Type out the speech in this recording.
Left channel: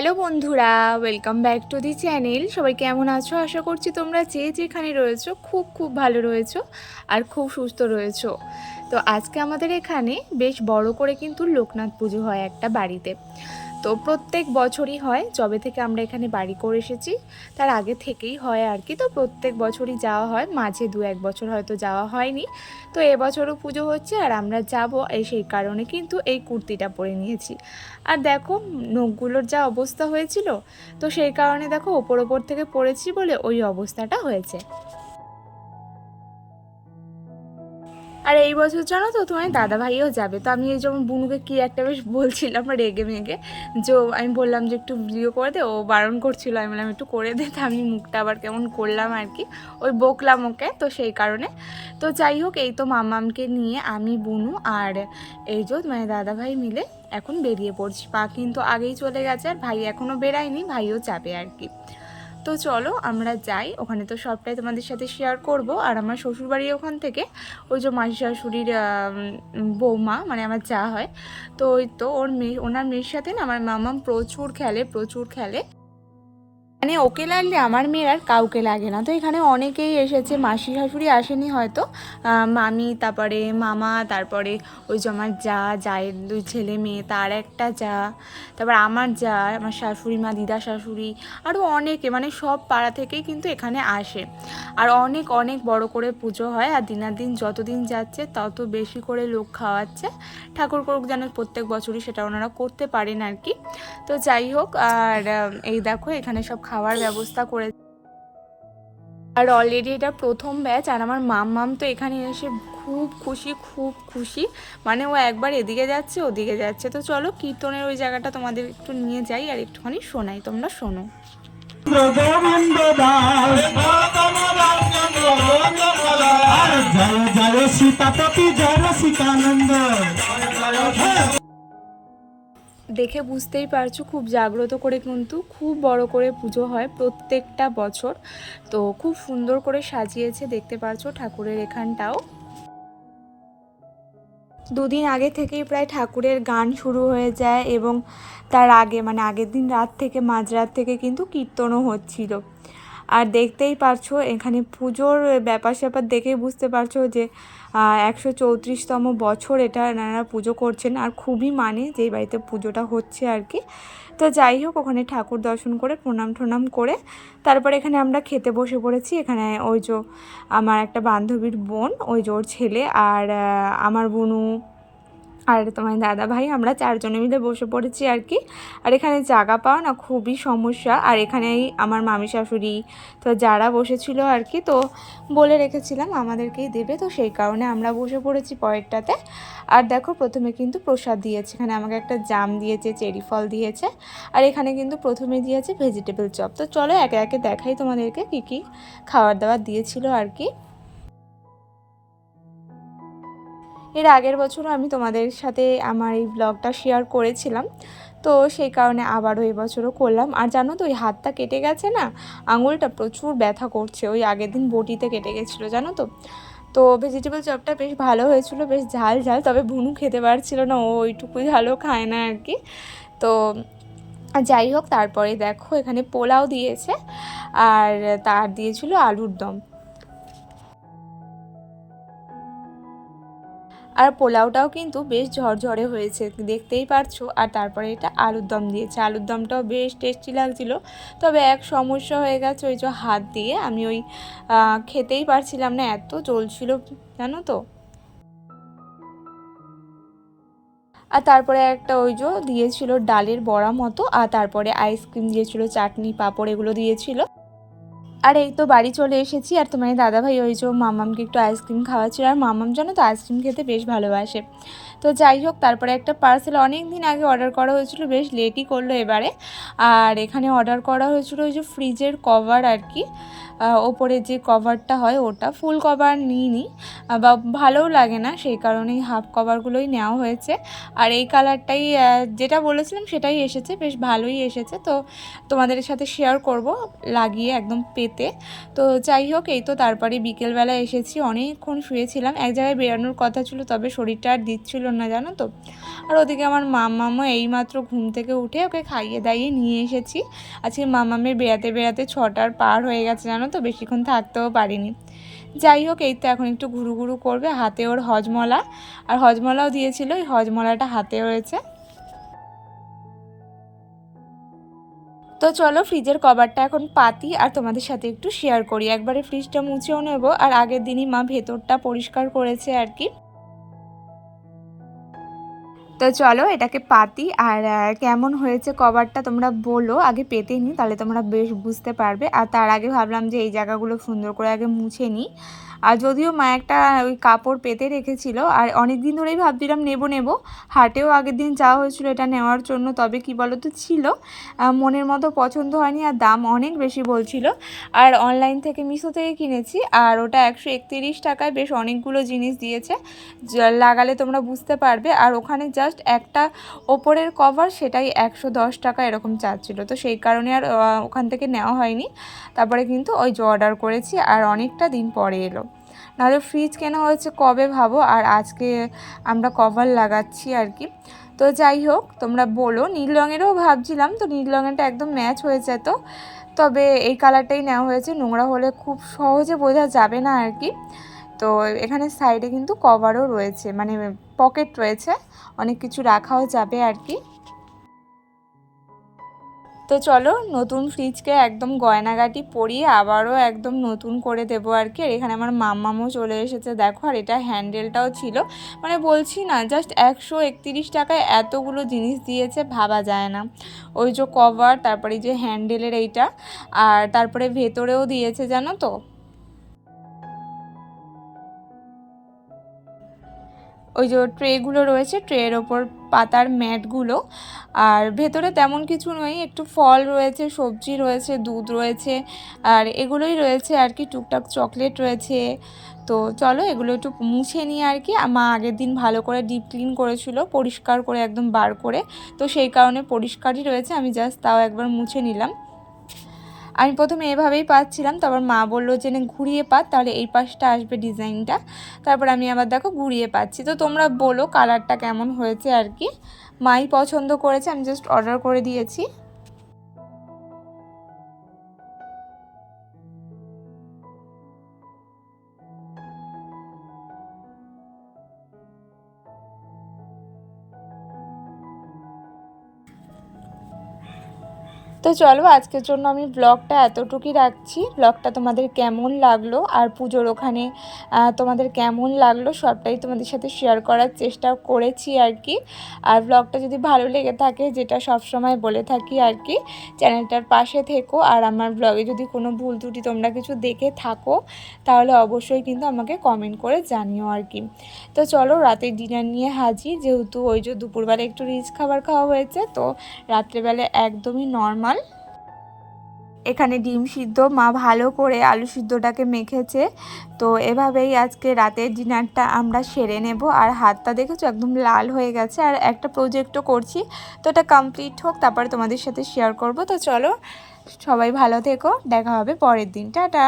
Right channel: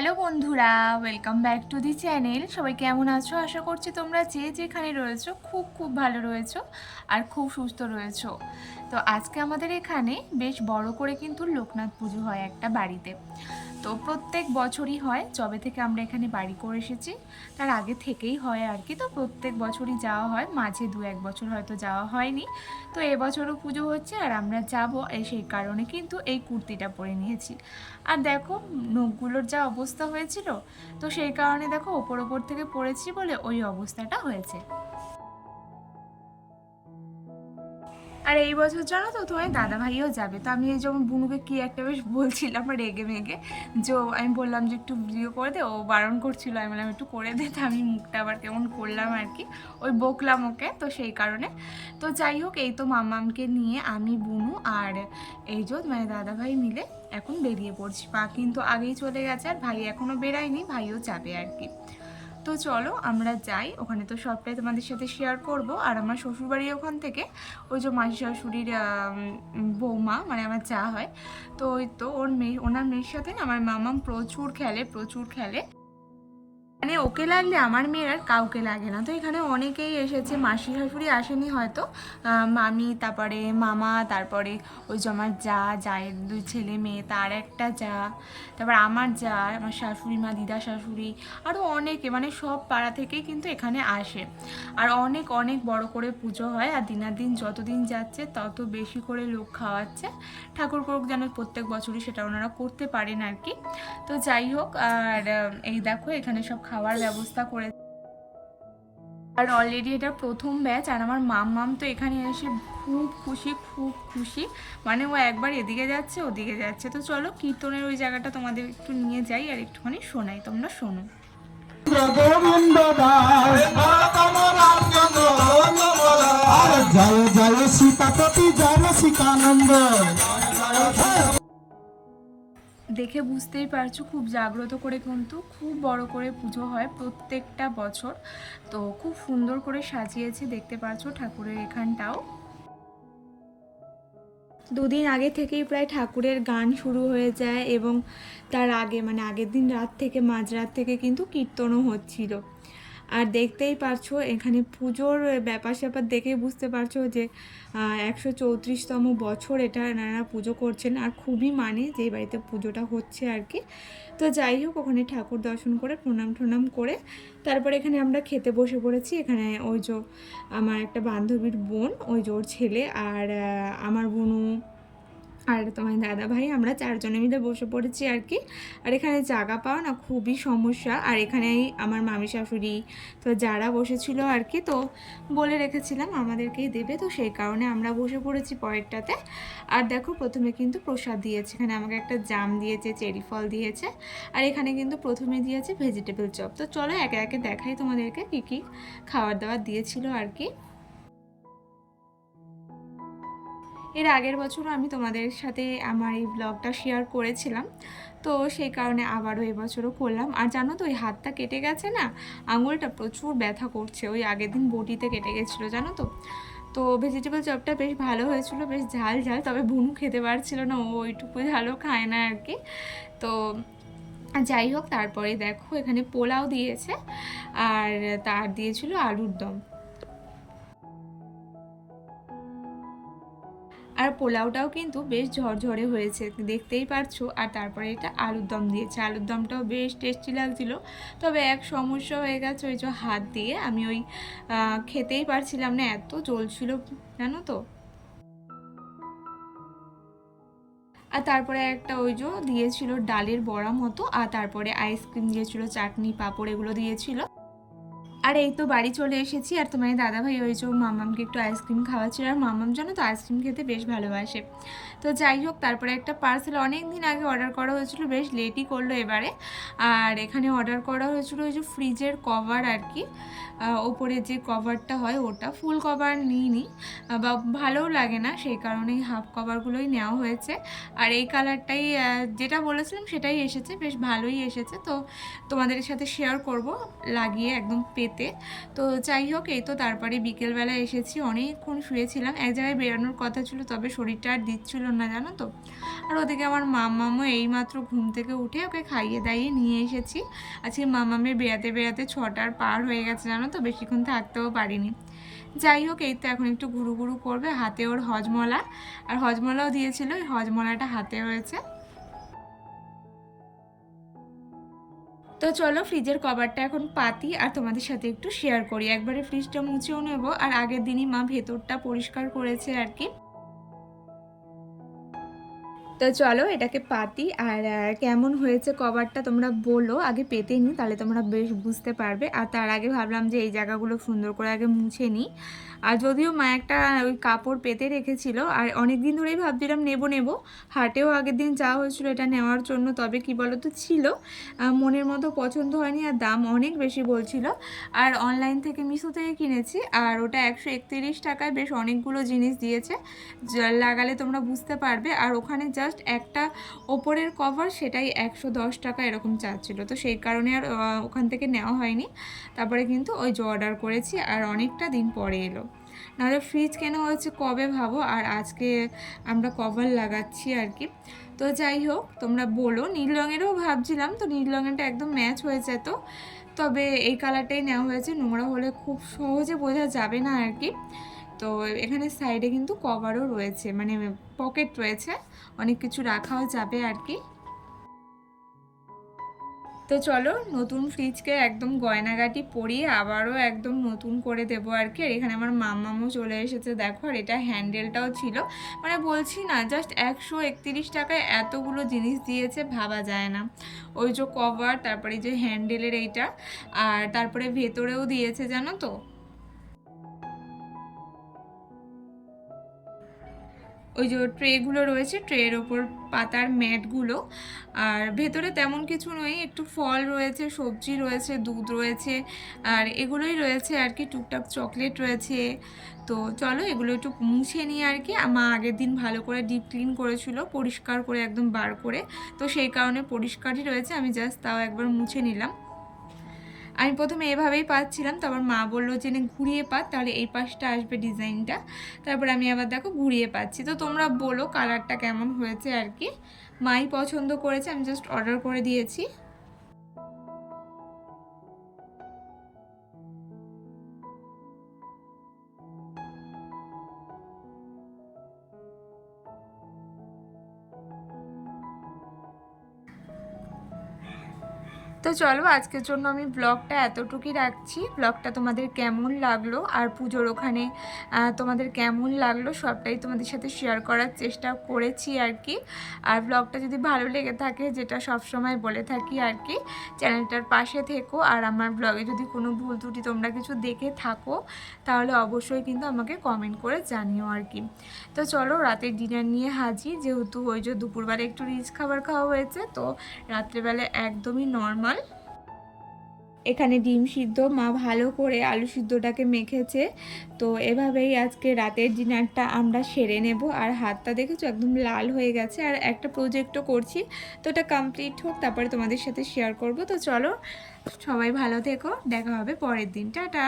Hello বন্ধুরা, welcome back to the channel. সবাই কেমন আছো? আশা করছি তোমরা যে যেখানে রয়েছো খুব খুব ভালো রয়েছো আর খুব সুস্থ রয়েছো। তো আজকে আমাদের এখানে বেশ বড় করে কিন্তু লোকনাথ পুজো হয় একটা বাড়িতে। তো প্রত্যেক বছরই হয়, যবে থেকে আমরা এখানে বাড়ি করে এসেছি তার আগে থেকেই হয় আর কি। তো প্রত্যেক বছরই যাওয়া হয়, মাঝে 2-1 বছর হয়তো যাওয়া হয়নি। তো এবছরও পুজো হচ্ছে আর আমরা যাব, সেই কারণে কিন্তু এই কুর্তিটা পরে নিয়েছি। আর দেখো নখগুলোর যা অবস্থা হয়েছিল, তো সেই কারণে দেখো ওপর ওপর থেকে পড়েছি বলে ওই অবস্থাটা হয়েছে। আর এই বছর জানো তো তোমার দাদা ভাইও যাবে। তো আমি এই যেমন বুনুকে কি একটা বেশ বলছিলাম রেগে মেগে, যে আমি বললাম যে একটু ভিডিও করে দে, ও বারণ করছিল, আমি বললাম একটু করে দে, তো আমি মুখটা আবার কেমন করলাম আর কি, ওই বকলাম ওকে, তো সেই কারণে। তো যাই হোক, এই তো মামামকে নিয়ে আমি, বুনু আর এই যে মানে দাদা ভাই মিলে এখন বেরিয়ে পড়ছি। পা কিন্তু আগেই চলে গেছে আর ভাই এখনও বেরায়নি, ভাইও যাবে আর কি। তো চলো আমরা যাই, ওখানে তো সবটাই তোমাদের সাথে শেয়ার করব। আর আমার শ্বশুরবাড়ির ওখান থেকে ওই যে মাসি শাশুড়ির বৌমা, মানে আমার যা হয়, তো ওই তো ওনার মেয়ের সাথে না আমার মামাম প্রচুর খেলে। মানে ওকে লাগলে আমার মেয়ের আর কাউকে লাগে না। তো এখানে অনেকেই এসেছে, মাসি শাশুড়ি আসেনি হয়তো, মামি, তারপরে মামা, তারপরে ওই যে আমার জায়ের 2 ছেলে মেয়ে, তার একটা যা, তারপর আমার যা, আমার শাশুড়ি মা, দিদা শাশুড়ি, আরও অনেকে, মানে সব পাড়া থেকেই কিন্তু এখানে আসে। আর অনেক অনেক বড় করে পুজো হয়, আর দিনাদিন যতদিন যাচ্ছে তত বেশি করে লোক খাওয়াচ্ছে। ঠাকুর করুক যেন প্রত্যেক বছরই সেটা ওনারা করতে পারেন আর কি। তো যাই হোক, আর এই দেখো এখানে সব খাওয়ার ব্যবস্থা করে। আর অলরেডি এটা প্রথম ব্যাচ, আর আমার মাম তো এখানে এসে খুব খুশি। মানে ও একবার এদিকে যাচ্ছে ওদিকে যাচ্ছে। তো চলো কীর্তনের ওই জায়গাটা তোমাদের একটু নিয়ে যাই আর একটুখানি শোনাই, তোমরা শোনো। জয় জয় সীতাপতি, জয় সীতানন্দ। দেখে বুঝতেই পারছো খুব জাগ্রত করে, কিন্তু খুব বড় করে পুজো হয় প্রত্যেকটা বছর। তো খুব সুন্দর করে সাজিয়েছে, দেখতে পারছো ঠাকুরের এখানটাও। 2 দিন আগে থেকেই প্রায় ঠাকুরের গান শুরু হয়ে যায়, এবং তার আগে মানে আগের দিন রাত থেকে, মাঝরাত থেকে কিন্তু কীর্তনও হচ্ছিল। আর দেখতেই পারছো এখানে পুজোর ব্যাপার স্যাপার দেখেই বুঝতে পারছো যে 134তম বছর এটা এনারা পুজো করছেন, আর খুবই মানে যেই বাড়িতে পুজোটা হচ্ছে আর কি। তো যাই হোক, ওখানে ঠাকুর দর্শন করে প্রণাম ঠনাম করে তারপরে এখানে আমরা খেতে বসে পড়েছি। এখানে ওই যে আমার একটা বান্ধবীর বোন, ওই যে ওর ছেলে, আর আমার বোনু, আর তোমার দাদা ভাই, আমরা 4 জনে মিলে বসে পড়েছি আর কি। আর এখানে জায়গা পাওয়া না খুবই সমস্যা, আর এখানেই আমার মামি শাশুড়ি তো যারা বসেছিল আর কি, তো বলে রেখেছিলাম আমাদেরকেই দেবে, তো সেই কারণে আমরা বসে পড়েছি পরেরটাতে। আর দেখো প্রথমে কিন্তু প্রসাদ দিয়েছে, এখানে আমাকে একটা জাম দিয়েছে, চেরি ফল দিয়েছে, আর এখানে কিন্তু প্রথমে দিয়েছে ভেজিটেবল চপ। তো চলো একে একে দেখাই তোমাদেরকে কী কী খাবার দাবার দিয়েছিল আর কি। এর আগের বছরও আমি তোমাদের সাথে আমার এই ব্লগটা শেয়ার করেছিলাম, তো সেই কারণে আবারও এবছরও করলাম। আর জানো তো ওই হাতটা কেটে গেছে না, আঙুলটা প্রচুর ব্যথা করছে, ওই আগের দিন বটিতে কেটে গেছিলো জানো তো। তো ভেজিটেবল চপটা বেশ ভালো হয়েছিল, বেশ ঝাল ঝাল, তবে বুনু খেতে পারছিল না, ও ওইটুকু ঝালও খায় না আর কি। তো যাই হোক, তারপরে দেখো এখানে পোলাও দিয়েছে, আর তার দিয়েছিল আলুর দম। আর পোলাওটাও কিন্তু বেশ ঝরঝরে হয়েছে, দেখতেই পারছো। আর তারপরে এটা আলুর দম দিয়েছে, আলুর দমটাও বেশ টেস্টি লাগছিল। তবে এক সমস্যা হয়ে গেছে, ওই যে হাত দিয়ে আমি ওই খেতেই পারছিলাম না, এত জ্বলছিল জানো তো। আর তারপরে একটা ওই যে দিয়েছিল ডালের বড়া মতো, আর তারপরে আইসক্রিম দিয়েছিল, চাটনি পাঁপড় এগুলো দিয়েছিল। আর এই তো বাড়ি চলে এসেছি, আর তোমার দাদাভাই ওই যে মামামকে একটু আইসক্রিম খাওয়াচ্ছিল, আর মামাম জানো তো আইসক্রিম খেতে বেশ ভালোবাসে। তো যাই হোক, তারপরে একটা পার্সেল অনেক দিন আগে অর্ডার করা হয়েছিল, বেশ লেটই করলো এবারে। আর এখানে অর্ডার করা হয়েছিল ওই যে ফ্রিজের কভার আর কি, ওপরে যে কভারটা হয় ওটা, ফুল কভার নিইনি, বা ভালোও লাগে না, সেই কারণেই হাফ কভারগুলোই নেওয়া হয়েছে। আর এই কালারটাই যেটা বলেছিলাম সেটাই এসেছে, বেশ ভালোই এসেছে। তো তোমাদের সাথে শেয়ার করব, লাগিয়ে একদম পেতে। তো যাই হোক, এই তো তারপরে বিকেলবেলা এসেছি, অনেকক্ষণ শুয়েছিলাম। এক জায়গায় বেরানোর কথা ছিল, তবে শরীরটা আর দিচ্ছিল না জানো তো। আর ওদিকে আমার মাম্মামও এইমাত্র ঘুম থেকে উঠে ওকে খাইয়ে দাইয়ে নিয়ে এসেছি। আজকে মাম্মামের বেড়াতে বেড়াতে 6টার পার হয়ে গেছে জানো তো, বেশিক্ষণ থাকতেও পারিনি। যাই হোক, এই তো এখন একটু ঘুরু ঘুরু করবে। হাতে ওর হজমলা, আর হজমলাও দিয়েছিল, এই হজমলাটা হাতে রয়েছে। তো চলো ফ্রিজের কভারটা এখন পাতি আর তোমাদের সাথে একটু শেয়ার করি। একবারে ফ্রিজটা মুছেও নেব, আর আগের দিনই মা ভেতরটা পরিষ্কার করেছে আর কি। তো চলো এটাকে পাতি, আর কেমন হয়েছে কভারটা তোমরা বলো। আগে পেতে নিই, তাহলে তোমরা বেশ বুঝতে পারবে। আর তার আগে ভাবলাম যে এই জায়গাগুলো সুন্দর করে আগে মুছে নিই। আর যদিও মা একটা ওই কাপড় পেতে রেখেছিল, আর অনেক দিন ধরেই ভাবছিলাম নেব। হাটেও আগের দিন যাওয়া হয়েছিল এটা নেওয়ার জন্য, তবে কি বলো তো ছিল মনের মতো পছন্দ হয়নি, আর দাম অনেক বেশি বলছিল। আর অনলাইন থেকে মিশো থেকে কিনেছি, আর ওটা 131 টাকায় বেশ অনেকগুলো জিনিস দিয়েছে। লাগালে তোমরা বুঝতে পারবে। আর ওখানে জাস্ট একটা ওপরের কভার, সেটাই 110 টাকা এরকম চার্জ ছিল। তো সেই কারণে আর ওখান থেকে নেওয়া হয়নি। তারপরে কিন্তু ওই যে অর্ডার করেছি, আর অনেকটা দিন পরে এলো। নাহলে ফ্রিজ কেনা হয়েছে কবে ভাবো, আর আজকে আমরা কভার লাগাচ্ছি আর কি। তো যাই হোক, তোমরা বলো। নীল রঙেরও ভাবছিলাম, তো নীল রঙেরটা একদম ম্যাচ হয়ে যেত, তবে এই কালারটাই নেওয়া হয়েছে। নোংরা হলে খুব সহজে বোঝা যাবে না আর কি। তো এখানে সাইডে কিন্তু কভারও রয়েছে, মানে পকেট রয়েছে, অনেক কিছু রাখাও যাবে আর কি। তো চলো নতুন ফ্রিজকে একদম গয়নাগাটি পরিয়ে আবারও একদম নতুন করে দেবো আর কি। আর এখানে আমার মাম্মামও চলে এসেছে দেখো, আর এটা হ্যান্ডেলটাও ছিল। মানে বলছি না, জাস্ট 131 টাকায় এতগুলো জিনিস দিয়েছে, ভাবা যায় না। ওই যে কভার, তারপরে যে হ্যান্ডেলের এইটা, আর তারপরে ভেতরেও দিয়েছে জানো তো। ওই যে ট্রেগুলো রয়েছে, ট্রের ওপর পাতার ম্যাটগুলো। আর ভেতরে তেমন কিছু নয়, একটু ফল রয়েছে, সবজি রয়েছে, দুধ রয়েছে, আর এগুলোই রয়েছে আর কি। টুকটাক চকলেট রয়েছে। তো চলো এগুলো একটু মুছে নিয়ে আর কি। মা আগের দিন ভালো করে ডিপ ক্লিন করেছিল, পরিষ্কার করে একদম বার করে। তো সেই কারণে পরিষ্কারই রয়েছে, আমি জাস্ট তাও একবার মুছে নিলাম। আমি প্রথমে এভাবেই পাচ্ছিলাম, তারপর মা বললো যে না ঘুরিয়ে পাত, তাহলে এই পাশটা আসবে ডিজাইনটা। তারপর আমি আবার দেখো ঘুরিয়ে পাচ্ছি। তো তোমরা বলো কালারটা কেমন হয়েছে আর কি। মাই পছন্দ করেছে, আমি জাস্ট অর্ডার করে দিয়েছি। তো চলো আজকের জন্য আমি ব্লগটা এতটুকুই রাখছি। ব্লগটা তোমাদের কেমন লাগলো, আর পুজোর ওখানে তোমাদের কেমন লাগলো, সবটাই তোমাদের সাথে শেয়ার করার চেষ্টা করেছি আর কি। আর ব্লগটা যদি ভালো লেগে থাকে, যেটা সব সময় বলে থাকি আর কি, চ্যানেলটার পাশে থেকো। আর আমার ব্লগে যদি কোনো ভুল ত্রুটি তোমরা কিছু দেখে থাকো, তাহলে অবশ্যই কিন্তু আমাকে কমেন্ট করে জানিও আর কি। তো চলো রাতের ডিনার নিয়ে হাজির। যেহেতু ওই যে দুপুরবেলা একটু রিচ খাবার খাওয়া হয়েছে, তো রাত্রেবেলা একদমই নর্মাল। এখানে ডিম সিদ্ধ মা ভালো করে আলু সিদ্ধটাকে মেখেছে। তো এভাবেই আজকে রাতের ডিনারটা আমরা সেরে নেব। আর হাতটা দেখেছো একদম লাল হয়ে গেছে, আর একটা প্রজেক্টও করছি। তো এটা কমপ্লিট হোক, তারপরে তোমাদের সাথে শেয়ার করব। তো চলো সবাই ভালো থেকো, দেখা হবে পরের দিন, টাটা।